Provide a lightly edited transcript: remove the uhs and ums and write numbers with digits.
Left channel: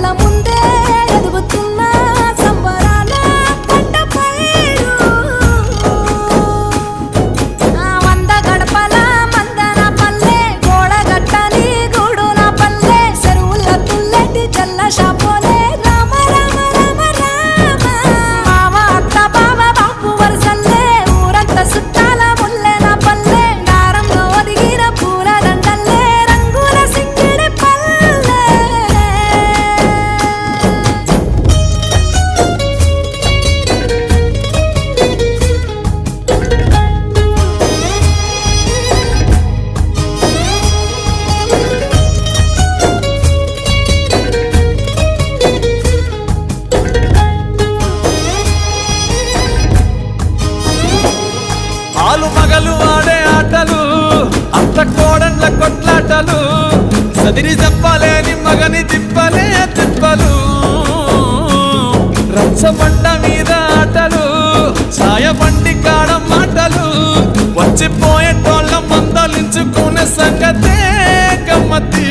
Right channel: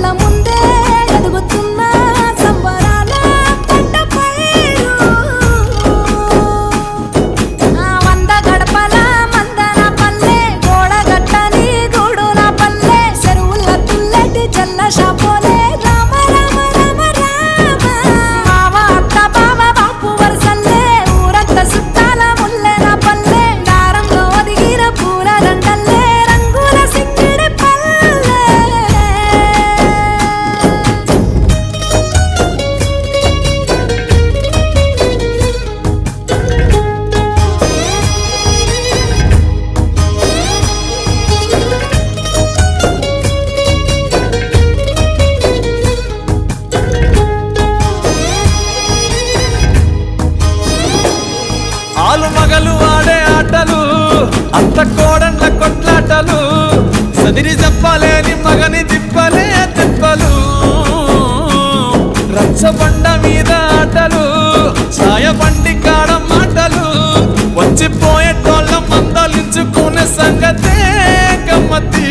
కళ్ళ ముందే ఎదుగుతున్న సంబరాల పంట పైరు వంద గడపల మందన పల్లె గోడగట్టని గూడున పల్లె చెరువుల తుల్లెటి చెల్ల షాపోలే రామ రామ రామ రామ మావ అత్త బావ బాపు వరసల్లే ఊరంత సుట్టాల ముల్లెన పల్లె దారంలో ఒదిగిన పూల దండల్లే రంగుల సింగిడి పల్లె ఆలు మగలు ఆడే ఆటలు అత్త కోడళ్ళ కొట్లాటలు సదిరి చెప్పలేని మగని తిప్పలే తిప్పలు రచ్చబండ మీద ఆటలు సాయబండి కాడ మాటలు వచ్చిపోయేటోళ్ళ మందలించుకునే సంగతే గమ్మతి